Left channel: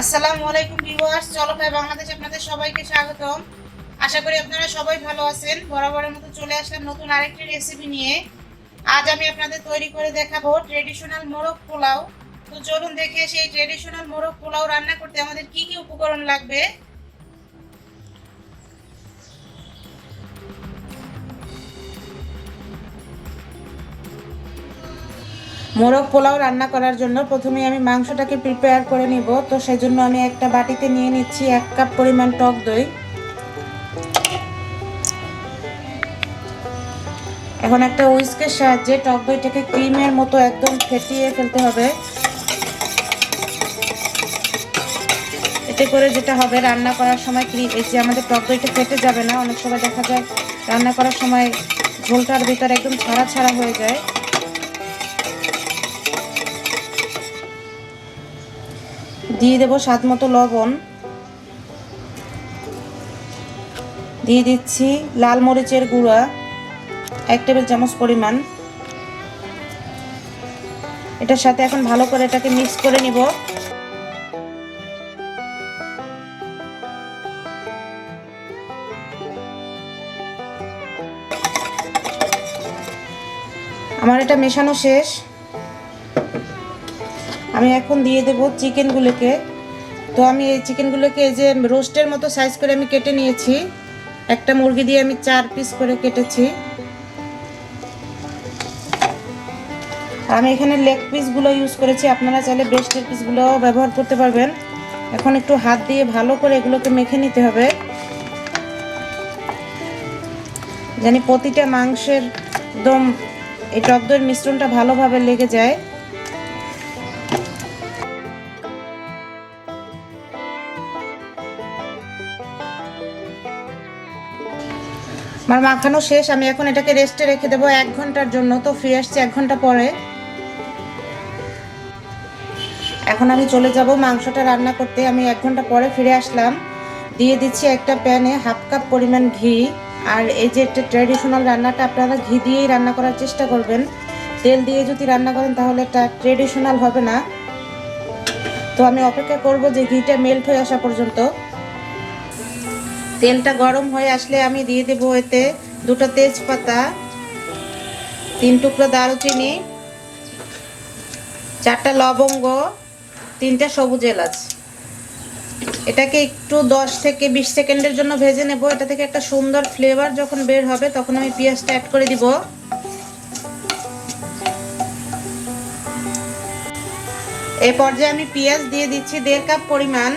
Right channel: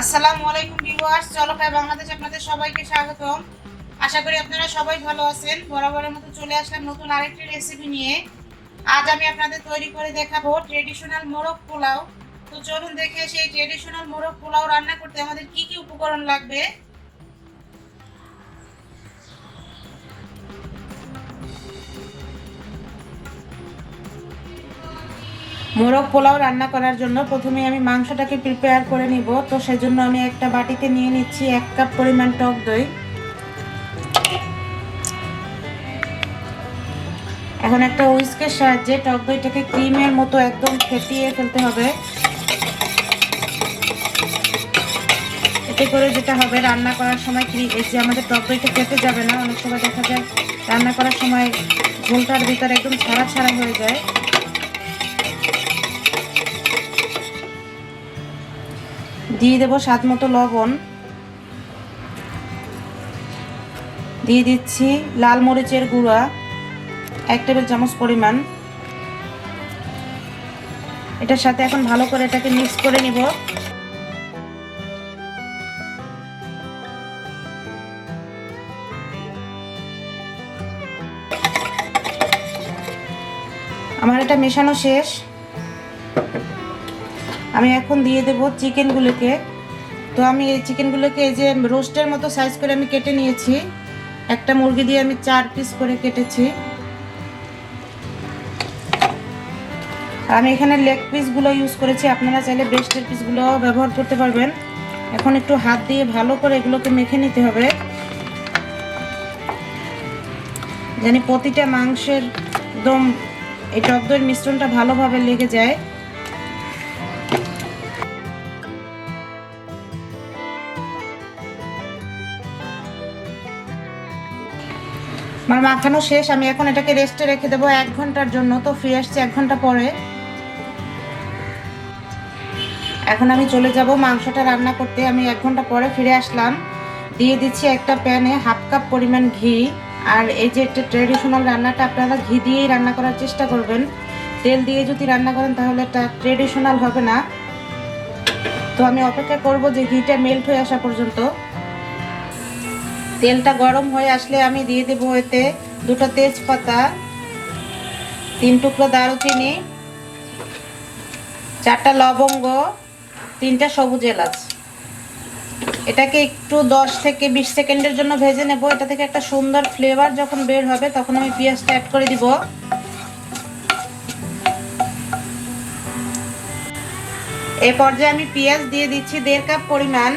আসসালামু আলাইকুম ভিউয়ার্স, চলো খাই বাংলাদেশে আপনাদের সবাইকে স্বাগতম। আশা করি আপনারা সবাই ভালো আছেন। বরাবরের মতো চলে আসলাম নতুন আরেকটি রেসিপি নিয়ে। আজ আমি আপনাদের তৈরি করে দেখাবো ট্রেডিশনাল মোরগ পোলাও। তো চলুন দেখে আসি এই ট্রেডিশনাল মোরগ পোলাও রান্না করতে আমাদের কি কি উপকরণ লাগবে। মোরগ পোলাও রান্না করার জন্য প্রথমে আমি মাংসটাকে প্রিপেয়ার করে নিব। তো সেজন্য আমি একটা বাটিতে নিয়ে নিচ্ছি 1 কাপ পরিমাণ টক দই। এখন একটা হুইস্কের সাহায্যে টক দইটাকে ক্রিমের মতো একদম ফেটিয়ে ফেলতে হবে। এতে করে যেটা হবে, রান্না করার সময় এই যে আমাদের টক দইটা ফেটে যাবে না। অনেক সময় দেখা যায় রান্না করার সময় ঝোলটার ভিতরে একদম ছাড়া ছাড়া হয়ে যায়। দিয়ে দেবো স্বাদ মতো লবণ, দিয়ে দিচ্ছি লাল মরিচের গুঁড়া 1 টেবিল চামচ পরিমাণ। এটার সাথে এখন ভালো করে এটাকে মিক্স করে নিব। আমার এটা মেশানো শেষ। আমি এখন দিয়ে দেব চিকেনগুলোকে। তো আমি এই চিকেনগুলোকে এই যে রোস্টের মতো সাইজ করে আমি কেটে নিয়েছি। একটা মুরগি দিয়ে আমি 4 পিস করে কেটেছি। আর আমি এখানে লেগ পিসগুলো ইউজ করেছি, আপনারা চাইলে ব্রেস্টের পিসগুলো ব্যবহার করতে পারবেন। এখন একটু হাত দিয়ে ভালো করে এগুলোকে মেখে নিতে হবে, যেন প্রতিটা মাংসের একদম এই টক দইয়ের মিশ্রণটা ভালোভাবে লেগে যায়। আমার মাখানো শেষ। আমি এখন এটাকে রেস্টে রেখে দেবো 1 ঘন্টার জন্য। তো ফিরে আসছি 1 ঘন্টা পরে। এখন আমি চলে যাব মাংসটা রান্না করতে। আমি 1 ঘন্টা পরে ফিরে আসলাম। দিয়ে দিচ্ছি একটা প্যানে 1/2 কাপ পরিমাণ ঘি। আর এই যে একটা ট্রেডিশনাল রান্নাটা আপনারা ঘি দিয়েই রান্না করার চেষ্টা করবেন। তেল দিয়ে যদি রান্না করেন তাহলে এটা ট্রেডিশনাল হবে না। তো আমি অপেক্ষা করব যে ঘিটা মেল্ট হয়ে আসা পর্যন্ত। তেলটা গরম হয়ে আসলে আমি দিয়ে দেবো এতে 2টা তেজপাতা, 3 টুকরো দারুচিনি, 4টা লবঙ্গ, 3টা সবুজ এলাচ। এটাকে একটু 10 থেকে 20 সেকেন্ডের জন্য ভেজে নেব। এটা থেকে একটা সুন্দর ফ্লেভার যখন বের হবে তখন আমি পেঁয়াজটা অ্যাড করে দিব। এই পর্যায়ে আমি পেঁয়াজ দিয়ে দিচ্ছি 1.5 কাপ পরিমাণ।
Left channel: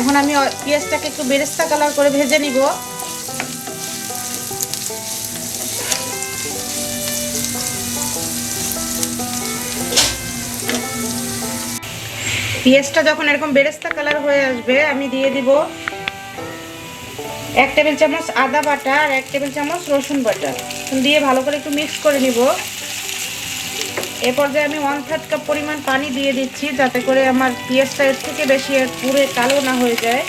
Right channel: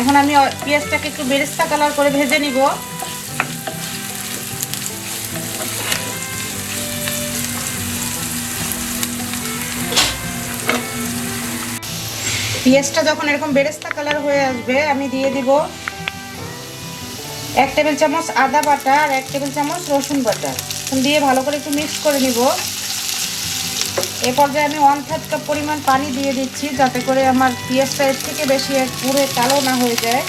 এখন আমি পেঁয়াজটাকে একটু বেরেস্তা কালার করে ভেজে নিব। পেঁয়াজটা যখন এরকম বেরেস্তা কালার হয়ে আসবে আমি দিয়ে দিব 1 টেবিল চামচ আদা বাটা আর 1 টেবিল চামচ রসুন বাটা। দিয়ে ভালো করে একটু মিক্স করে নিব। এ পর্যায়ে আমি 1/3 কাপ পরিমাণ পানি দিয়ে দিচ্ছি, যাতে করে আমার পেঁয়াজটা এর থেকে বেশি পুরো কালো না হয়ে যায়।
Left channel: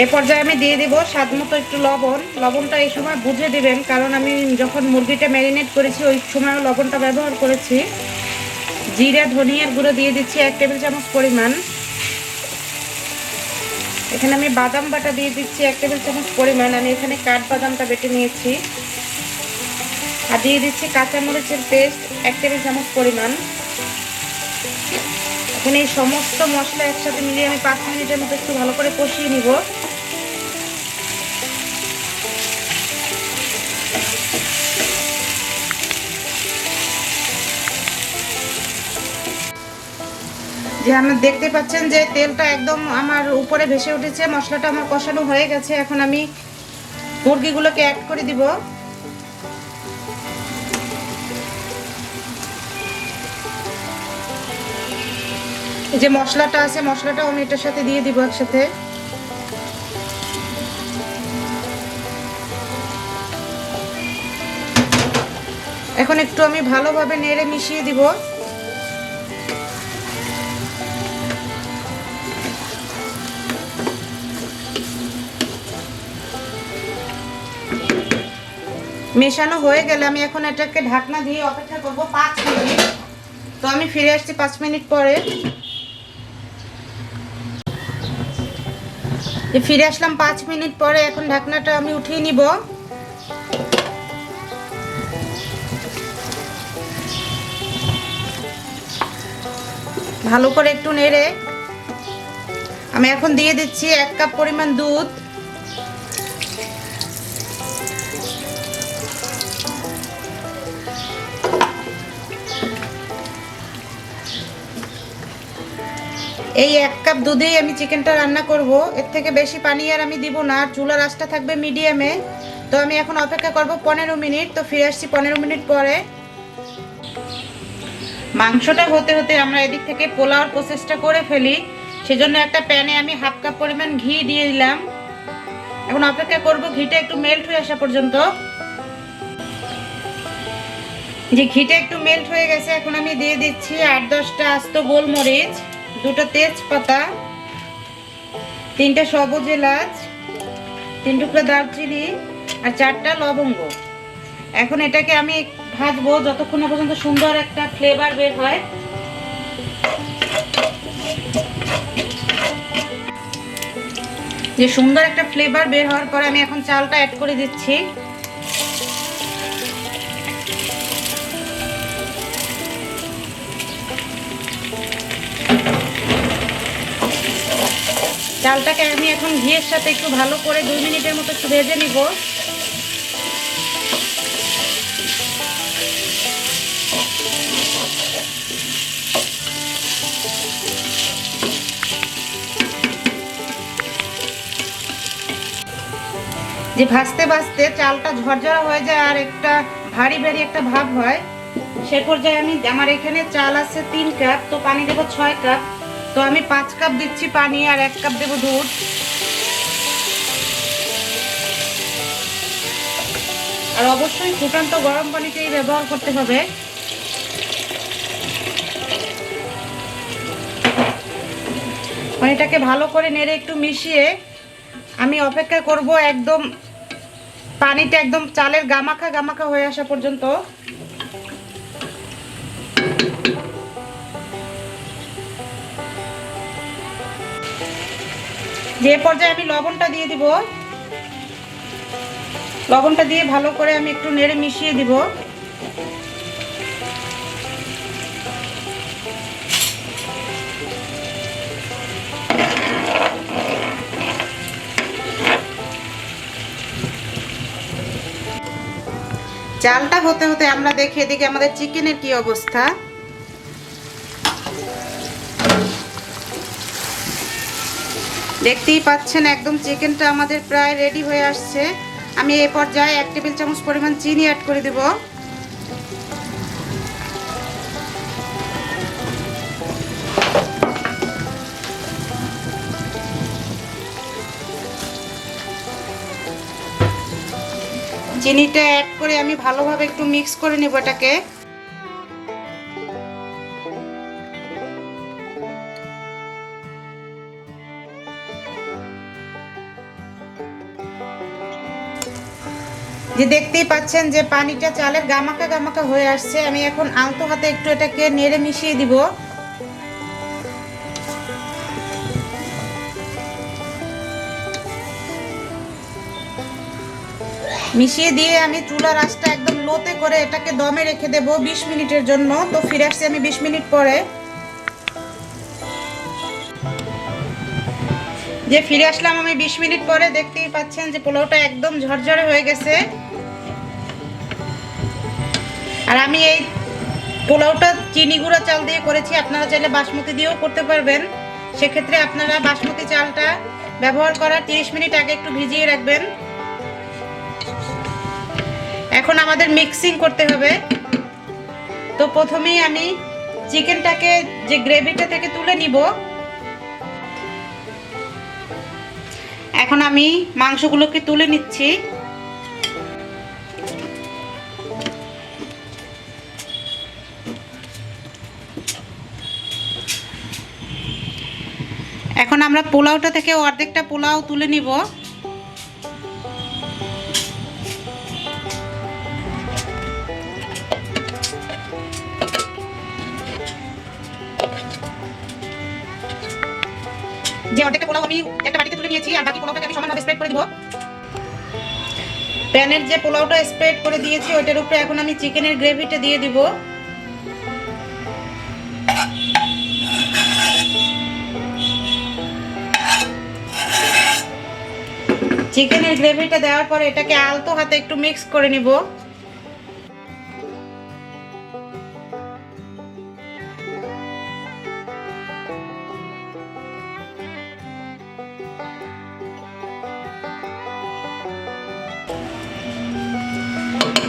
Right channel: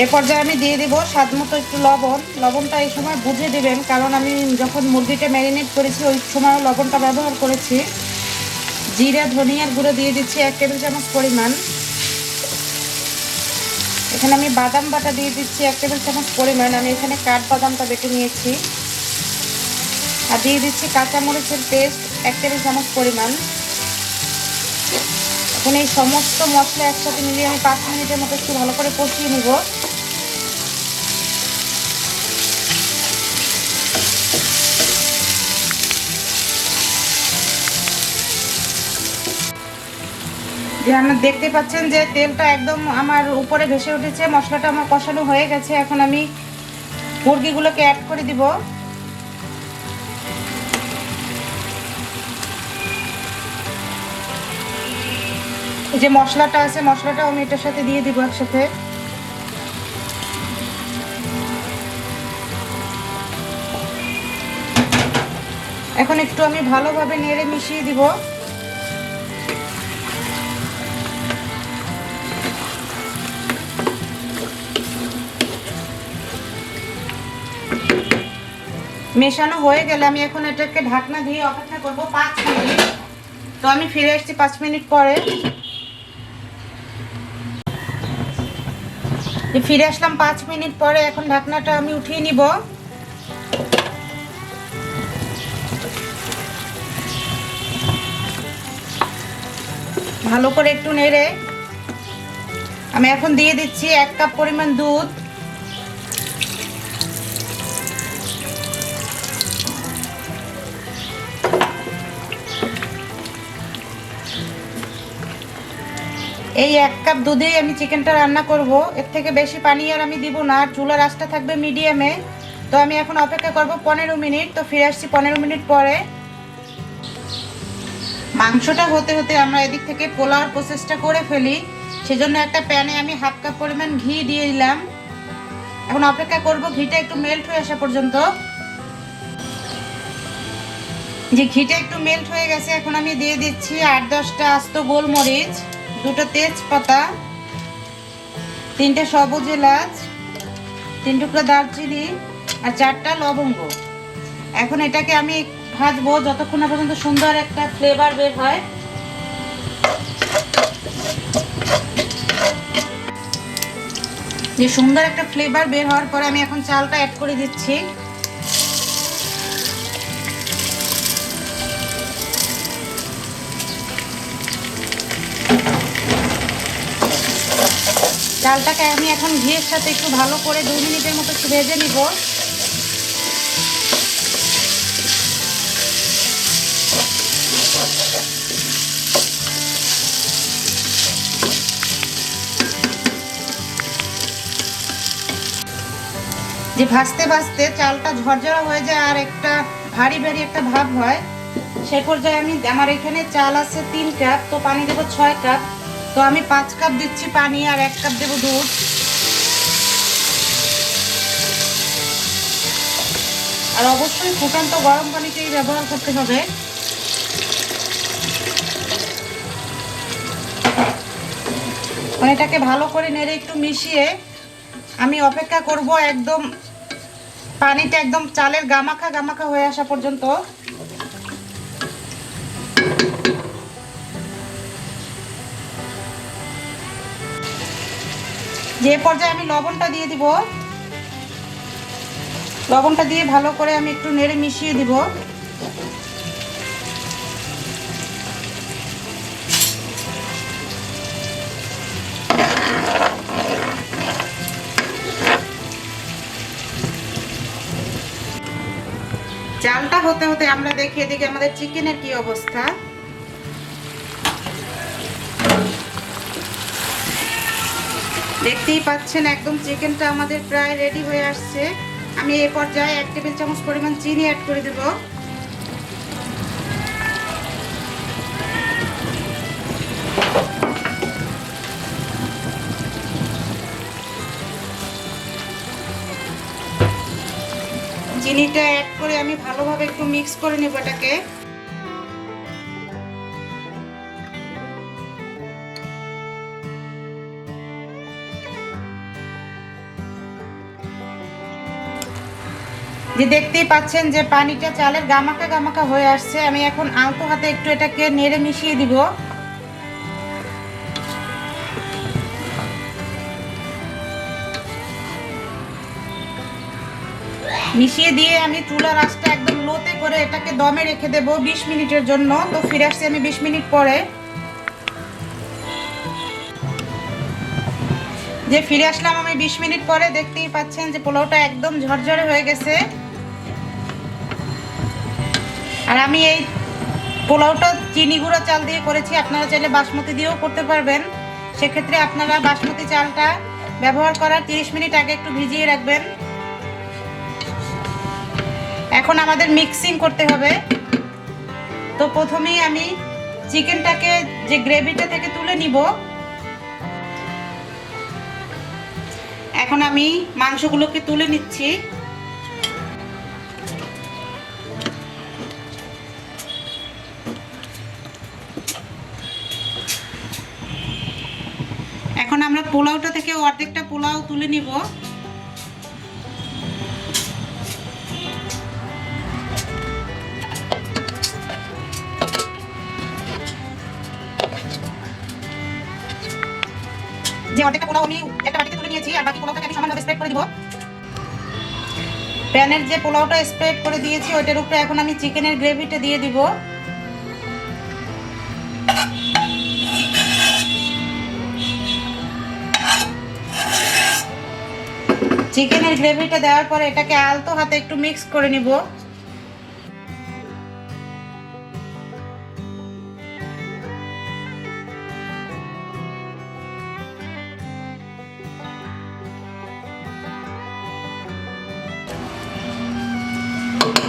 এই পর্যায়ে আমি দিয়ে দিব স্বাদ মতো একটু লবণ। লবণটা এই সময় বুঝে দিবেন, কারণ আমি যখন মুরগিটা ম্যারিনেট করেছি ওই সময় লবণটা ব্যবহার করেছি। জিরা ধনিয়ার গুঁড়ো দিয়ে দিচ্ছি 1 টেবিল চামচ পরিমাণ। এখানে আমি বাদাম বাটা দিয়ে দিচ্ছি 1 টেবিল চামচ পরিমাণ। আমি এখানে কাঠবাদামটা বেটে নিয়েছি। আর দিয়ে দিচ্ছি কাঁচামরিচের পেস্ট 1 টেবিল চামচ পরিমাণ। এখানে এই সমস্ত মশলা একসাথে মিলিয়ে আমি 5 মিনিটের মতো একটু ভালো করে কষিয়ে নিব। যে আপনারা দেখতে পাচ্ছেন যে তেলটা একদম আমার উপরে ভেসে উঠেছে, মশলাটা আমার কষানো হয়ে গেছে। এখন আমি মুরগিগুলোকে অ্যাড করে দিব। এই যে মশলাটা আছে, মশলাটাও আমি এটার সাথে দিয়ে দিব একসাথে। এখন একটু আমি ভালোভাবে নেড়ে মিশিয়ে দিব। মেশানো হয়ে গেলে আমি এখন এটাকে ঢাকনা দিয়ে অপেক্ষা করব 5 মিনিট। তো আমি ফিরে আসছি 5 মিনিট পরে। ফিরে আসলাম 5 মিনিট পরে। এখন ঢাকনাটা আমি উঠিয়ে নিব। ভালো করে একটু নেড়ে আমি এখন দিয়ে দিচ্ছি 1 কাপ পরিমাণ দুধ। এই 1 কাপ দুধেই আমি চিকেনটা রান্না করব। এর থেকে বেশি পানি আর আমি দিব না। চুলার আঁচটা থাকবে মিডিয়ামে। তো আমি এখন অপেক্ষা করব 15 মিনিট। তো ফিরে আসছি 15 মিনিট পরে। মাংসটা হতে হতে আমরা এদিক থেকে পোলাওর প্রসেসটা করে ফেলি। সেজন্য একটা প্যানে আমি 1/2 কাপ পরিমাণ ঘি দিয়ে দিলাম। এখন অপেক্ষা করব ঘিটা একটু মেল্ট হয়ে আসা পর্যন্ত। যে ঘিটা একটু মেল্ট হয়ে গেছে, এখন আমি দিয়ে দিচ্ছি 8-10টা আস্ত গোলমরিচ, 2টো তেজপাতা, 3টে সবুজ এলাচ, 3 টুকরা দারচিনি আর 4টা লবঙ্গ। এখন এটাকে আমি ভাজবো যতক্ষণ না পর্যন্ত সুন্দর একটা ফ্লেভার বের হয়। যে সুন্দর একটা ফ্লেভার বের হওয়ার পরে আমি এখন চালটা অ্যাড করে দিচ্ছি। চালটাকে আমি এখন ঘিয়ের সাথে একটু ভালো করে 2 মিনিটের মতো ভেজে নিব। যে ভাজতে ভাজতে চালটা ঝরঝরা হয়ে যায় আর একটা ভারী ভারী একটা ভাব হয়, সেই পর্যায়ে আমার এখানে চাল আছে 3 কাপ, তো পানি দেবো 6 কাপ। তো আমি 5 কাপ দিচ্ছি পানি আর 1 কাপ দেবো দুধ। আর অবশ্যই ফুটন্ত গরম পানিকেই ব্যবহার করতে হবে। এটাকে ভালো করে নেড়ে একটু মিশিয়ে আমি অপেক্ষা করব একদম পানিটা একদম চালের গামাখা গামাখা হয়ে আসা পর্যন্ত। যে পর্যায়ে আমি লবণটা দিয়ে দিব। লবণটা দিয়ে ভালো করে আমি একটু নেড়ে মিশিয়ে দিব। চালটা হতে হতে আমরা দেখি এদিকে আমাদের চিকেনের কি অবস্থা। দেখতেই পাচ্ছেন একদম চিকেনটা আমাদের প্রায় রেডি হয়ে আসছে। আমি এই পর্যায়ে 1 টেবিল চামচ পরিমাণ চিনি অ্যাড করে দেব। চিনিটা অ্যাড করে আমি ভালোভাবে একটু মিক্স করে নেব এটাকে। যে দেখতেই পাচ্ছেন যে পানিটা চালের গামাখা গামাখা হয়ে আসছে। আমি এখন আলতো হাতে একটু এটাকে নেড়ে মিশিয়ে দিব। মিশিয়ে দিয়ে আমি চুলার আঁচটা একদম লোতে করে এটাকে দমে রেখে দেব 20 মিনিটের জন্য। তো ফিরে আসছি আমি 20 মিনিট পরে। যে ফিরে আসলাম আমি 20 মিনিট পরে। দেখতেই পাচ্ছেন যে পোলাওটা একদম ঝরঝরে হয়ে গেছে। আর আমি এই পোলাওটা চিনি গুঁড়া চাল দিয়ে করেছি, আপনারা চাইলে বাসমতি দিয়েও করতে পারবেন। সেক্ষেত্রে আপনারা বাসমতি চালটা ব্যবহার করার 30 মিনিট আগে একটু ভিজিয়ে রাখবেন। এখন আমাদের মিক্সিং করতে হবে। তো প্রথমেই আমি চিকেনটাকে যে গ্রেভিটা থেকে তুলে নিব। এখন আমি মাংসগুলোকে তুলে নিচ্ছি। এখন আমরা পোলাওটা থেকে অর্ধেকটা পোলাও তুলে নিব। যে অর্ধেকটা পোলাও আমি একটা বাটিতে তুলে নিয়েছি আর বাকি পোলাওটাকে আমি সমানভাবে স্প্রেড করে দিব। প্যানের যে পোলাওটা স্প্রেড করে দিয়েছি ওইটার উপরে এখন আমি চিকেনের গ্রেভিটা দিয়ে দিব। চিকেনের গ্রেভিটা দেওয়ার পরে এটাকে আলতো হাতে একটু মিক্স করে নিব।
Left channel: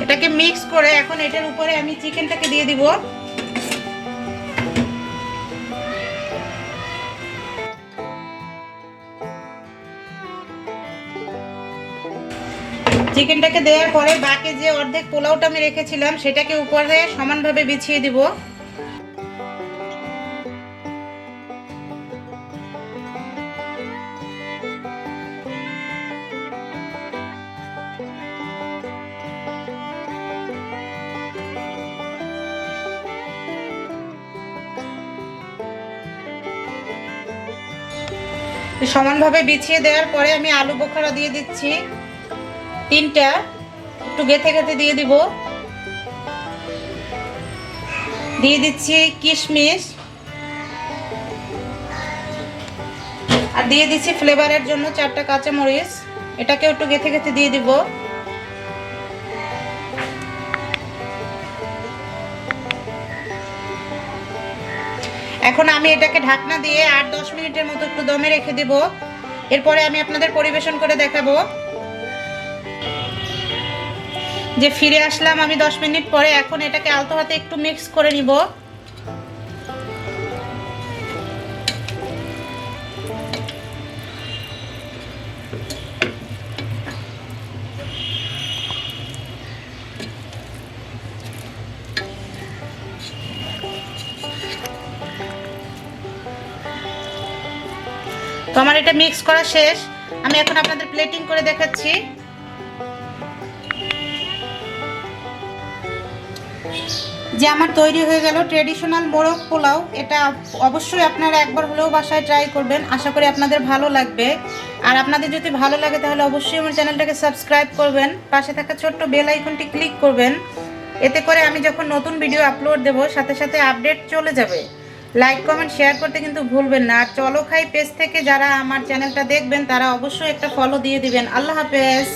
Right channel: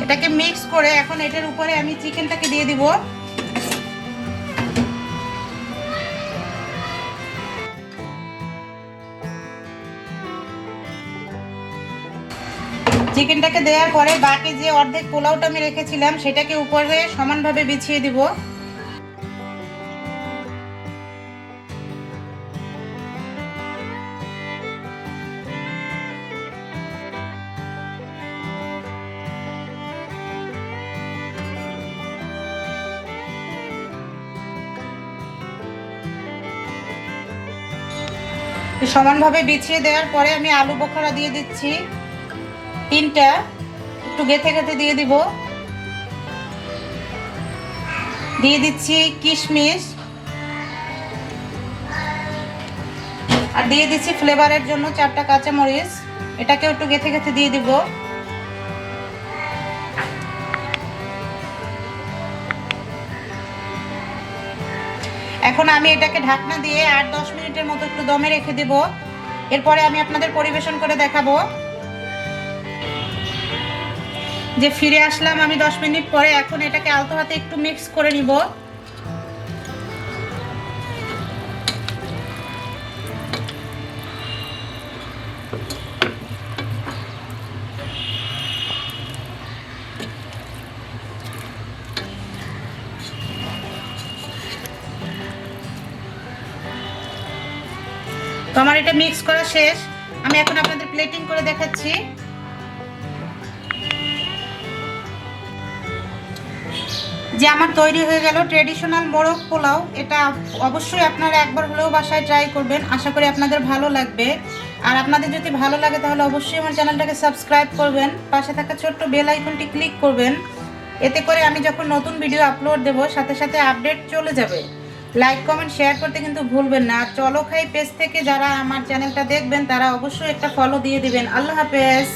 এটাকে মিক্স করে এখন এটার উপরে আমি চিকেনটাকে দিয়ে দিব। চিকেনটাকে দেওয়ার পরে বাকি যে অর্ধেক পোলাওটা আমি রেখেছিলাম সেটাকে উপরে সমানভাবে বিছিয়ে দিব। সমানভাবে বিছিয়ে দেওয়ার পরে আমি আলু বোখরা দিয়ে দিচ্ছি 3টা, একটু গেঁথে গেঁথে দিয়ে দিব। দিয়ে দিচ্ছি কিশমিশ আর দিয়ে দিচ্ছি ফ্লেভারের জন্য 4টা কাঁচামরিচ, এটাকেও একটু গেঁথে গেঁথে দিয়ে দিব। এখন আমি এটাকে ঢাকনা দিয়ে 8-10 মিনিটের মতো একটু দমে রেখে দিব। এরপরে আমি আপনাদের পরিবেশন করে দেখাবো। যে ফিরে আসলাম আমি 10 মিনিট পরে। এখন এটাকে আলতো হাতে একটু মিক্স করে নিব। তো আমার এটা মিক্স করা শেষ। আমি এখন আপনাদের প্লেটিং করে দেখাচ্ছি। যে আমার তৈরি হয়ে গেল ট্রেডিশনাল মোরগ পোলাও। এটা অবশ্যই আপনারা একবার হলেও বাসায় ট্রাই করবেন, আশা করি আপনাদের ভালো লাগবে। আর আপনাদের যদি ভালো লাগে তাহলে অবশ্যই আমার চ্যানেলটাকে সাবস্ক্রাইব করবেন, পাশে থাকা ছোট্ট বেল আইকনটি ক্লিক করবেন। এতে করে আমি যখন নতুন ভিডিও আপলোড দেব সাথে সাথে আপডেট চলে যাবে। লাইক কমেন্ট শেয়ার করতে কিন্তু ভুলবেন না। আর চলো খাই পেজ থেকে যারা আমার চ্যানেলটা দেখবেন তারা অবশ্যই একটা ফলো দিয়ে দিবেন। আল্লাহ হাফেজ।